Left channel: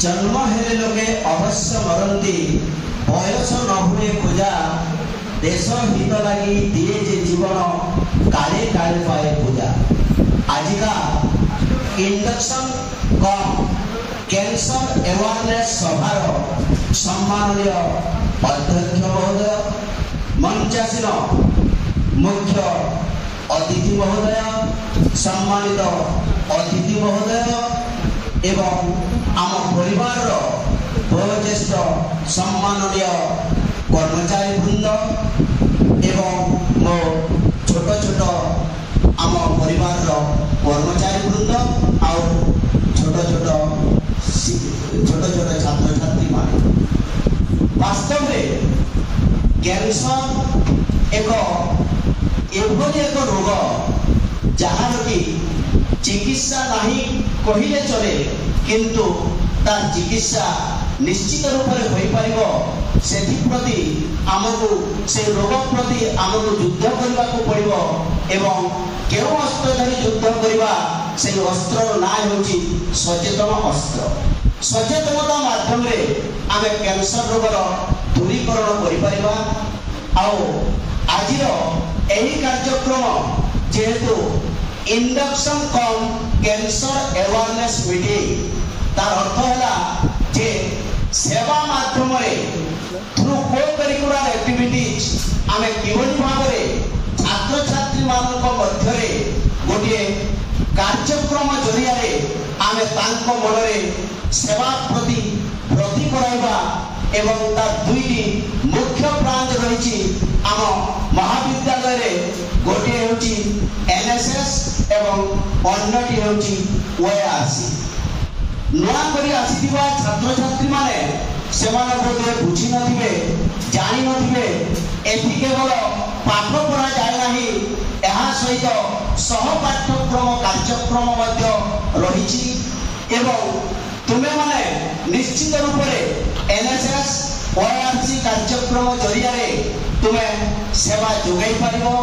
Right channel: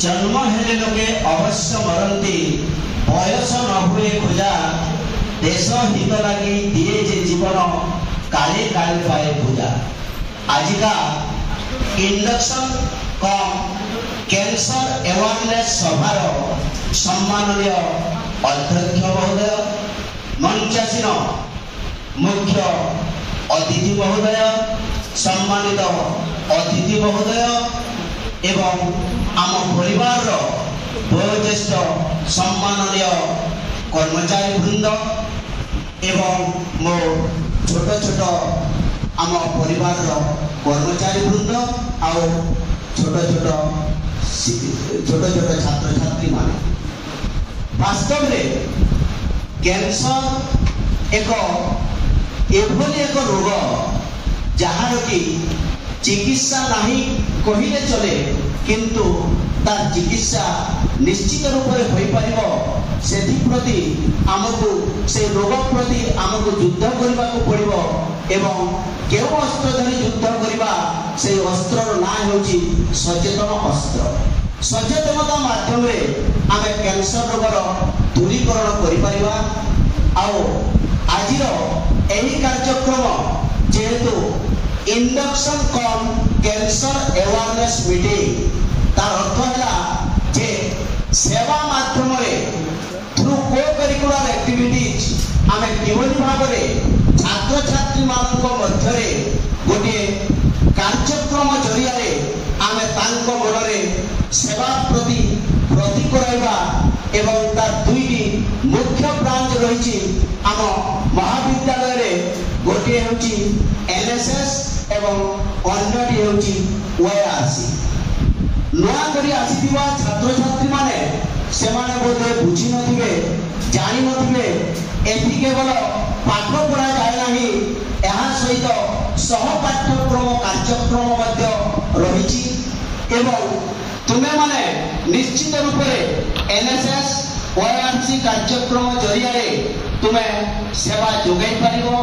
जन्म हेले लोके अवश्य मरती बयस न हुए खोजा देश हित लगी दिए जे जीवन काले काले पाए पूजा। आजिका इंडक्शन कम कैंसर अवेयरनेस सभार सम्माननीय अध्यक्ष महोदय, मंचासीन मुख्य अतिथि महोदय, सम्मानित अतिथि महोदय एवं आम परिवार वयोज्येष्ठ सम्माननीय कर्मचारी वृंद एवं मो छोट छोट आम परिवार कर्मचारी वृंद आउ छोट छोट छात्र छात्री मान वास्तव में कैंसर एक एभली एक रोग जहार की चिकित्सा नहीं कहिले चले किंतु तार चिकित्सा निश्चित रूप से हो प्रति आमको से रोग प्रति आमको युद्ध करने को पड़ो एवं केउ अस्त्र धरी युद्ध करवा से अस्त्र ना होची सचेतन अस्त्र। सचेतनता माध्यम आम कैंसर रोगर दूरीकरण करिपरिबा। आज यही कार्यक्रम जेहेतु इंडक्शन कम कैंसर अवेयरनेस मीटिंग तार अर्थ है जे सेवा माध्यम थ्रू को करिकुलर एक्टिविटीज आम किभली भाव में छात्र छात्री मानक मध्य गोटे कार्यक्रम जरिया आम तांको मनरे सेवा प्रति प्रति कराइबा एवं तार दुईटी मुख्य ब्रांच रही आम महाविद्यालय रे गोटे होची एनएसएस एवं अन्यटी होची ओआरसी। नया करी आसीथिबा छात्र छात्री माने सेमाने बोधे बुझी नथिबे जानि नथिबे एथि केवल पाठ पढ़ा जाय नाही एहा सहित सह पाठ्यक्रम कार्यक्रम मध्य रहिछि एवं तुमे माने निश्चित रूप से एनएसएस ओआरसी कार्यक्रम जरिया तुमे सेवा जोगाई पारिबो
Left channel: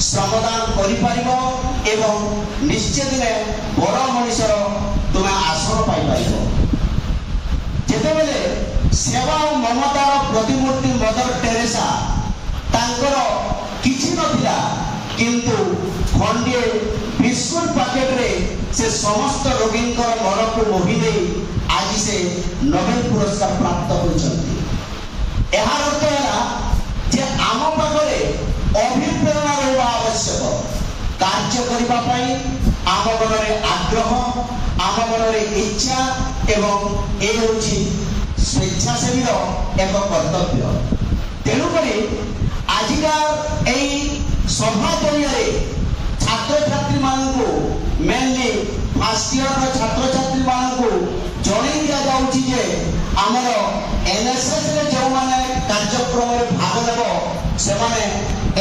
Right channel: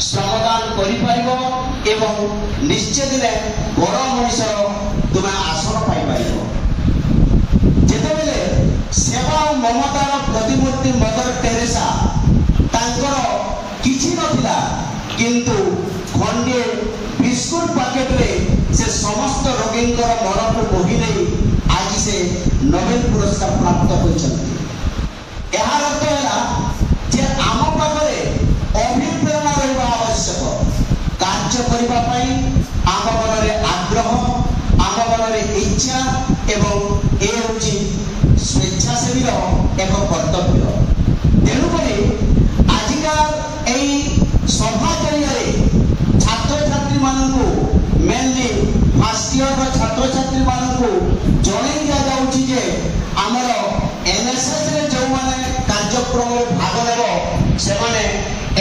श्रमदान करि पारिबो एवं निश्चय दिने बड़ मनुष्य तुमे आश्रय पाई पारिबो। जेतेबेले सेवा और ममतार प्रतिमूर्ति मदर टेरेसा तांकर किछि नथिला किंतु खंडे बिस्कुट पैकेट रे से समस्त रोगींकर मन को मोहि नहीं आज से नोबेल पुरस्कार प्राप्त होइछन्ति। एहार अर्थ है जे आम पाखरे अभिप्रेरणा रहिबा आवश्यक कार्य करिबा पई आम मनरे आग्रह आम मनरे इच्छा एवं ए होची स्वेच्छासेवी एक कर्तव्य। तेणुकरी आजिका एई सभा जरिया छात्र छात्री मानकु मेनली फर्स्ट ईयर छात्र छात्री मानकु जणै दिया जाउची जे हमर एनएसएस रे जो माने कार्यक्रम रे भाग लेबो से माने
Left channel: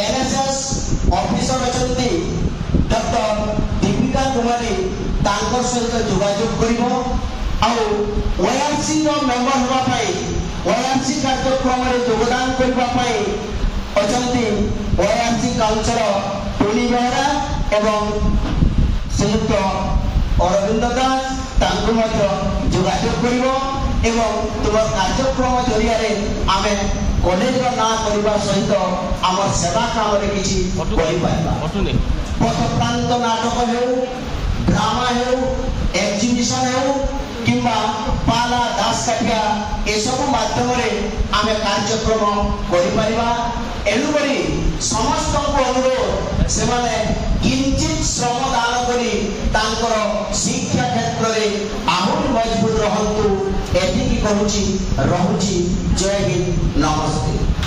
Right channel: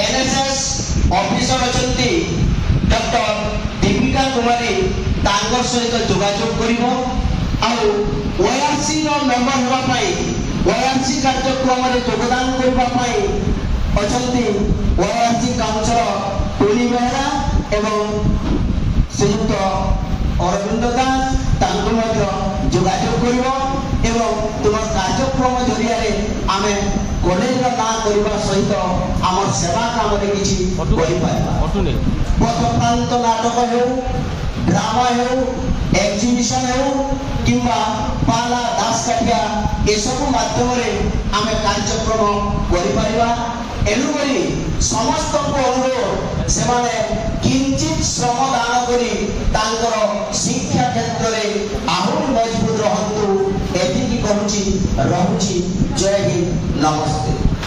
NSS officer अछंती doctor Deepika Kumari तांकर सहित जोगाजोग करिवो आउ ओआरसी रो मेंबर होबा पाई ओआरसी कार्यक्रम रे योगदान करबा पाई अछंती ओआरसी काउंसिलर टोनी बेहरा एवं संयुक्त अरविंद दास तांको मध्य जोगाजोग करिवो एवं तुम कार्यक्रम जरिया आमे कॉलेज रो ना करबा सहित हमर सेवा काम रे किछि करि पाइबा। पथप्रांत नाटक हेउ ड्रामा हेउ एग्जिबिशन हेउ किंबा पाला दास काठिया ए सब माध्यम रे आमे कार्यक्रम करि पारिबा। एनु करी समस्त को अनुरोध से माने किंचित श्रम दान करी तांकर शिक्षा क्षेत्र रे आहुरी मजबूत रहंतु एतिकी कहूची रहुची। जय हिंद, नमस्ते।